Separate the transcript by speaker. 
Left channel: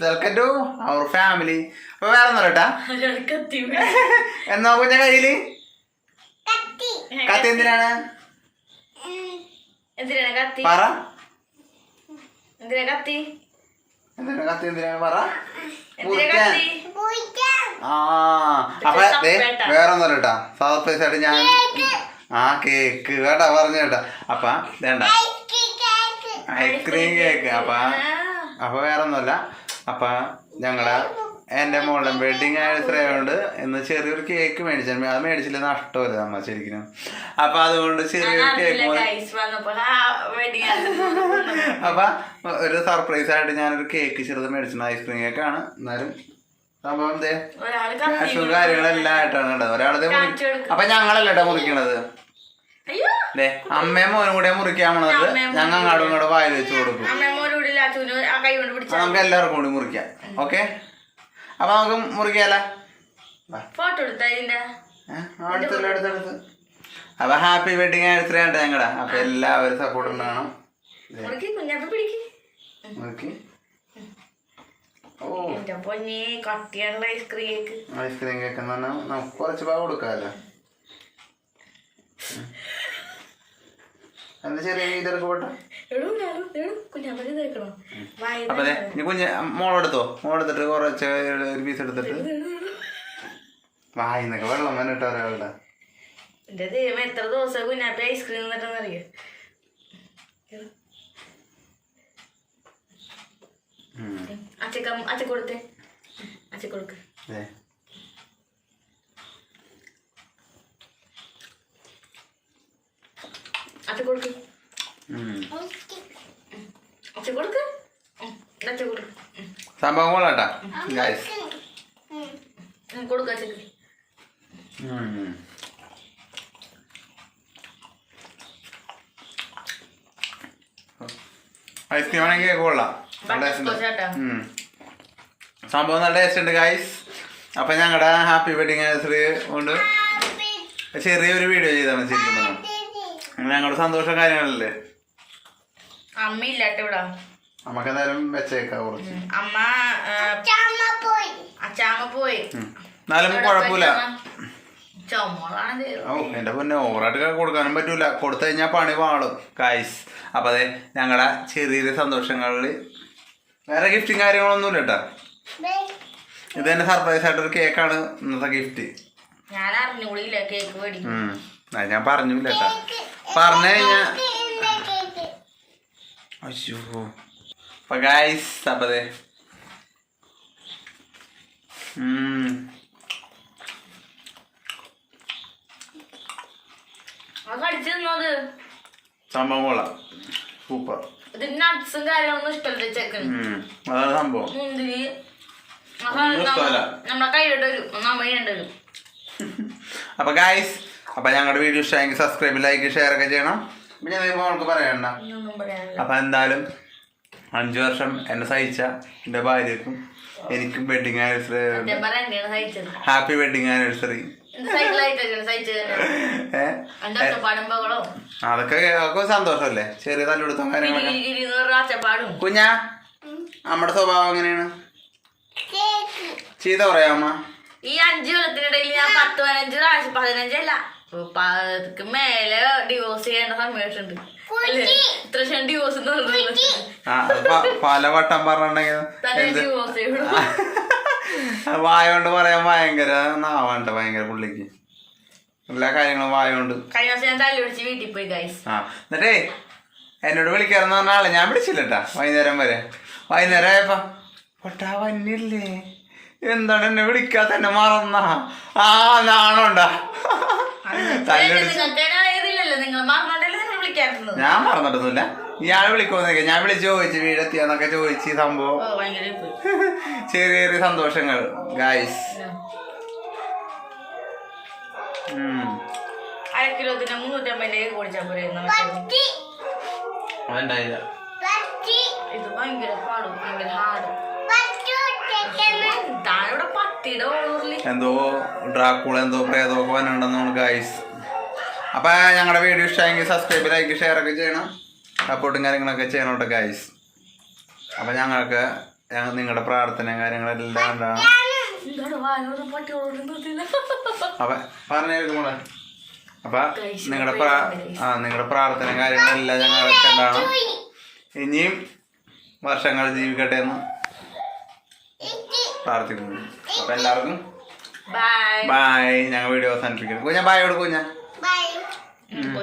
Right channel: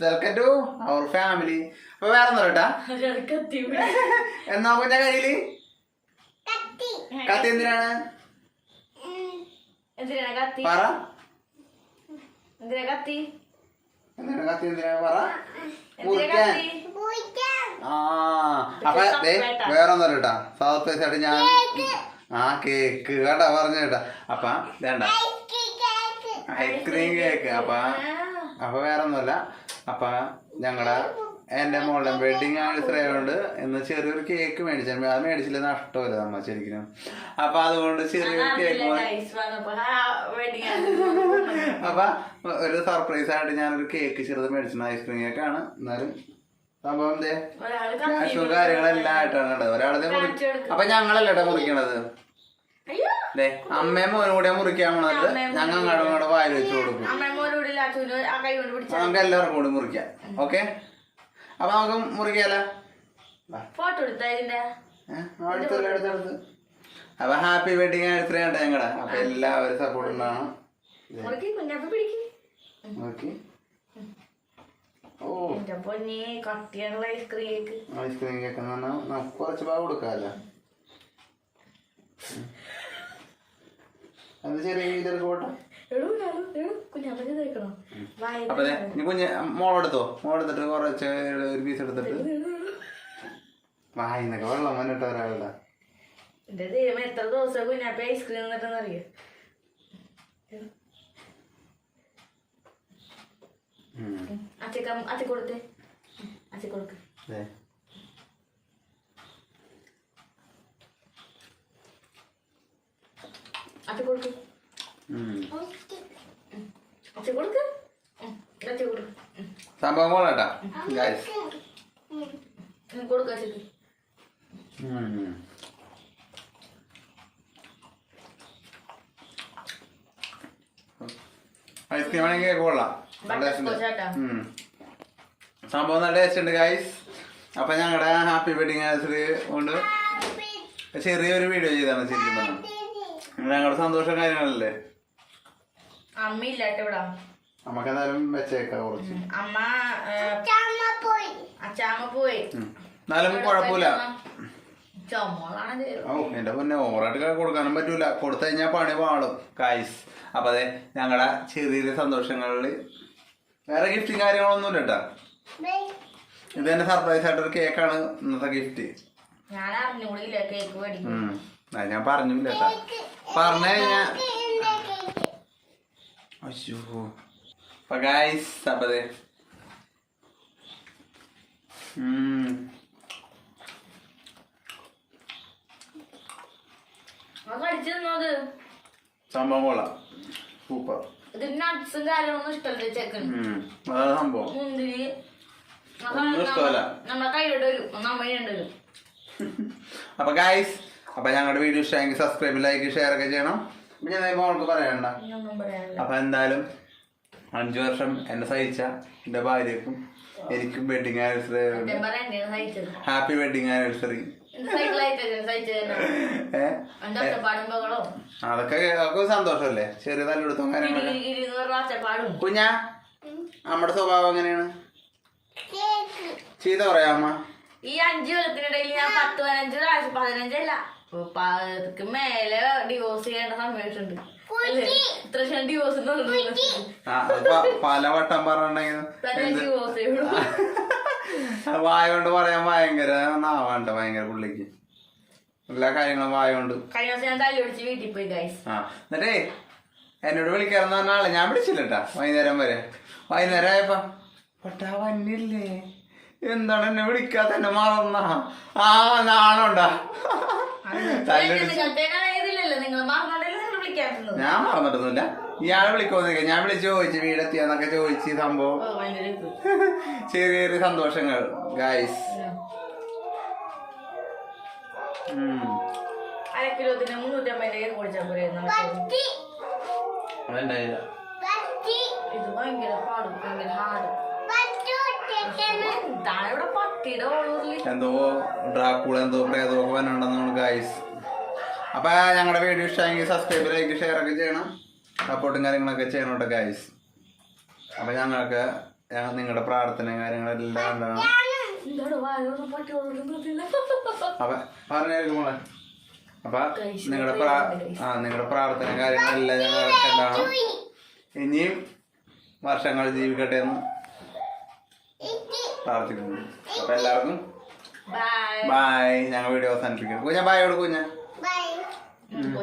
Speaker 1: Welcome to our family അപ്പൊ വേറെ ഒന്നും കേട്ടാ. എന്നാ കുഞ്ഞ കയ്യിൽ? കത്തി. എന്തിനാണ്?
Speaker 2: എന്തിനാ കത്തി?
Speaker 1: പറ.
Speaker 2: എന്തിനാ കത്തി?
Speaker 1: എന്തിനാണ് കത്തി? എന്തിനാണ്? പറ.
Speaker 2: എന്തിനാ
Speaker 1: മുറിക്കാൻ ആ അപ്പൊ വേറെ ഒന്നും കേട്ടാ. സർപ്രൈസ് ആയിട്ട് ഞാൻ ആ കേക്ക് കേട്ടാ പറഞ്ഞു കേട്ടാ. അപ്പ വേണ്ട ഐസ്ക്രീം കേക്ക് അപ്പൊ അപ്പൊ വേറെ ഒന്നുമല്ല അപ്പൊ ഞങ്ങളുടെ എന്റെ മോളുടെ വെഡിങ് ആനിവേഴ്സറി ആയതുകൊണ്ട് ഇന്ന് ചെറിയൊരു കേക്ക് മേടിച്ചു അത് മേടിച്ചില്ല നഷ്ടമല്ല നമ്മ ശരിക്കും അപ്പൊ അതുകൊണ്ട് ചെറിയൊരു കേക്ക് അപ്പൊ ഒരു സർപ്രൈസ് ആയിട്ട് ഞാനൊരു കേക്ക് ചെറുത് മേടിച്ചു ഐസ്ക്രീം കേക്കാണ് എന്നാലും സംഭവം ക്യാഷും കാര്യങ്ങളെല്ലാം ആയിട്ടാണ് കണ്ടത്.
Speaker 2: ഒരാളെ.
Speaker 1: അപ്പൊ ഞങ്ങളല്ലേട്ടാ മുറിക്കണത്. അമ്മയും മോനും കൂടെ മുറിക്കാൻ പോണത് ഞങ്ങൾ അങ്ങോട്ടും ഇങ്ങോട്ടും വായിൽ വെച്ച് കൊടുക്കും.
Speaker 2: അമ്മമ്മോടുള്ള ആ കൈ കൊണ്ട്
Speaker 1: അപ്പൊ
Speaker 2: പിടിച്ച
Speaker 1: നമുക്ക് എല്ലാവർക്കും കൂടി മുറിക്കാം. ഓക്കെ? അപ്പൊ നമുക്ക് മുറിക്കാല.
Speaker 2: ഫോട്ടോ എടുത്ത ഇതിന്റെ?
Speaker 1: അടുത്തല്ല അടുത്തടുത്ത് അപ്പൊ ഹാപ്പി വെഡിങ് ആനിവേഴ്സറി ആണ് ഞങ്ങളുടെ അപ്പൊ എല്ലാവരും സപ്പോർട്ട് ഉണ്ടാവണം
Speaker 2: മുറുക്കി കുഞ്ഞാപ്പ പിടിക്ക്.
Speaker 1: മുറിക്ക്.
Speaker 2: എന്റെ പൊന്നെ കട്ടിയുള്ള ഐസ്ക്രീം കേക്ക്
Speaker 1: ഐസ്ക്രീം കേക്ക് എന്ന് പറഞ്ഞാൽ നമുക്ക് കുറച്ച് ഭാഗം കൊടുക്കാമല്ലോ എന്താ ചെറിയ ഇതൊക്കെ പോട്ടെ? അപ്പൊ കുഞ്ഞ് മോളെടുത്തോ? മോളെടുത്തിട്ട് കുറച്ച് ഒരു പീസ് എടുത്തിട്ട്. വായിന്നൊക്കെ വെള്ളം വന്നിട്ട് ഒരാളുടെ.
Speaker 2: എന്റെ ദൈവം എത്ര ദിവസം കുഞ്ഞാപ്പി ഐസ്ക്രീം തന്നിട്ടെന്ന് അറിയോ അച്ഛക്ക അച്ഛ കൊടുത്തേ. അച്ഛ കൊടുക്ക്. അച്ഛ കൊടുക്ക്.
Speaker 1: സംഭവം കൊള്ളാട്ടാ. ഐസ്ക്രീം ആണെങ്കിൽ കൊള്ളാം. സംഭവം നല്ല ടേസ്റ്റ് ഉണ്ട് ഗൈസ് അപ്പൊ ഞങ്ങളുടെ ഹാപ്പി വെഡിങ് ആനിവേഴ്സറി കൊണ്ട് ചെറിയൊരു വീഡിയോ ചെയ്താണ് ശരിക്കും ഞങ്ങളുടെ സന്തോഷം കാര്യങ്ങളല്ലേ?
Speaker 2: അമ്മ ഇല്ലാട്ടെ ഇവിടെ.
Speaker 1: അമ്മയ്ക്ക് എന്തായാലും വെച്ചേക്കാം കുറച്ച്.
Speaker 2: അമ്മ അച്ചാമ്മ പോയി.
Speaker 1: ഉം. എന്നാലും കുഴപ്പമില്ല. ഓ എന്റെ പൊന്നെ ഓവറായിട്ട് കൊടുക്കാനും പറ്റൂല. കൊടുത്തു കഴിഞ്ഞാൽ പണി പാളും. കായ്സ് അപ്പൊ അതെ ഞങ്ങളെ ചെറിയ സന്തോഷങ്ങളിൽ വേറെ ഗിഫ്റ്റും കാര്യങ്ങളൊന്നുമില്ല കേട്ടാ. ഇത് തന്നെ സർപ്രൈസ് ആയിട്ടൊരു കേക്കാണ് ഇന്നത്തെ ഗിഫ്റ്റ്
Speaker 2: ഞാൻ അറിഞ്ഞൂടിയില്ല കേക്ക് മേടിക്കും
Speaker 1: ഞാൻ പറഞ്ഞില്ല കേട്ടാ. പറഞ്ഞു കഴിഞ്ഞാ അയ്യോ. അപ്പൊ ഗായ്സ് അപ്പൊ സംഭവം കൊള്ളാം. സൂപ്പർ.
Speaker 2: നട്ട്സും കാര്യങ്ങളൊന്നും ഇഷ്ടമല്ല.
Speaker 1: അതാണ് സംഭവം.
Speaker 2: മുന്തിരി. നമ്മളെ വരും. വരും.
Speaker 1: അപ്പൊ ഗായ്സ് അപ്പൊ ഞങ്ങളുടെ വീഡിയോ ഇഷ്ടമെങ്കിൽ സബ്സ്ക്രൈബ് ലൈക്ക് ഷെയർ ഒക്കെ ചെയ്യണം. പിന്നെ മോൾക്ക് പറയണ്ട അപ്പൊ എന്തായാലും അഞ്ചു വർഷം എന്നെ സഹിച്ച എന്റെ ഭാര്യക്കും എനിക്കും wedding anniversary happy wedding anniversary അതൊക്കെ അതൊക്കെ സന്തോഷമല്ലേ? ചെറിയ തല്ലെടുത്തും കാര്യങ്ങളൊക്കെ. കുഞ്ഞാ നമ്മുടെ സ്വഭാവം എങ്ങനെയാണ്? ചീത്ത പറയാമ്മ
Speaker 2: ഈ അഞ്ചു വർഷത്തിനിടയിൽ ഞാൻ പത്ത് പതിനഞ്ച് പ്രാവശ്യം പതിനഞ്ചല്ല. മേലെ ഡിവോഴ്സ് ചെയ്യേണ്ട സമയത്തുണ്ട്? ഇത്ര ശേഷം ഡിവോഴ്സ് എന്ന് പറഞ്ഞത്
Speaker 1: ആ അത് പ- പല വട്ടം പറഞ്ഞിട്ടുണ്ടെങ്കിൽ വായ കൊണ്ട് പറയാൻ ഭയങ്കര നാവാണ്ട ഭയങ്കര പുള്ളിക്ക്. എല്ലാ കാര്യങ്ങളും വായ കൊണ്ട്
Speaker 2: കഴിഞ്ഞ ദിവസം ഞാൻ വീട്ടിൽ പോയി ഗൈസ്
Speaker 1: ആ എന്നിട്ടേ എന്നോട് വിളിക്കാന്ന് പറഞ്ഞ ആളെ ഞാൻ വിളിച്ചില്ലട്ടാ വൈകുന്നേരം വരെ. വൈകുന്നേരം ആയപ്പോ പൊട്ടാ വന്നില്ലേ? എന്താണ് എന്നെ വിളിക്കാത്ത എന്നെ മറന്ന? ആ നാണുണ്ടാ. തല്ലടിച്ച്.
Speaker 2: പറഞ്ഞിട്ടൊന്നുമില്ല
Speaker 1: ഞാൻ മറന്നിട്ടൊന്നുമില്ല. വിളിക്കുമെന്നൊക്കെ ഞാൻ വിളിച്ച് ചോദിച്ചു വീടെത്തിയെന്നൊക്കെ ചോദിച്ച് സംഭവം. ചെറിയ ചെറിയ സന്തോഷങ്ങൾ ഗായ്സ്
Speaker 2: അര കിലോത്തിന് മുന്നൂറ്റമ്പതിന്റെ കേക്ക് കുടിച്ചാൽ പോരായിരുന്നു മറ്റേത്.
Speaker 1: അതുണ്ടായില്ല
Speaker 2: ഇത്? ഭയങ്കര പാടും ഭയങ്കര ഹാർഡ്
Speaker 1: എന്തോ ഡ്രാക്കൂള എന്തോ പ്രേതമൊക്കെ വന്നിട്ടുണ്ടെന്നാണ് ഗായ്സ് അപ്പൊ ഞങ്ങളുടെ വീഡിയോ ഇഷ്ടമെങ്കിൽ സബ്സ്ക്രൈബ് ലൈക്ക് ഷെയർ ഒക്കെ ചെയ്യണം. സപ്പോർട്ടും കാര്യങ്ങളൊക്കെ ചെയ്യണം കേട്ടോ ഗായ്സ് അപ്പൊ ഞങ്ങൾക്ക് നിങ്ങളുടെ പ്രാർത്ഥനയും കാര്യങ്ങളെല്ലാം
Speaker 2: നിർത്തില്ല
Speaker 1: അപ്പൊ പറഞ്ഞു മോളെ. അപ്പൊ നിങ്ങളുടെ പ്രാ ആ നിങ്ങളുടെ പ്രാർത്ഥന കാര്യങ്ങളെല്ലാം ഞങ്ങളൊക്കെ ഉണ്ടാവണം ഇനിയും വർഷങ്ങൾ ജീവിക്കട്ടെ എന്ന് പ്രാർത്ഥിക്കുന്നു. അപ്പൊ എല്ലാവർക്കും
Speaker 2: ബൈ
Speaker 1: ബായ് ഞങ്ങൾ വീഡിയോ അവസാനിപ്പിക്കുന്നു. ഞാൻ ബായ് കൊടുക്കും
Speaker 3: ഞാൻ.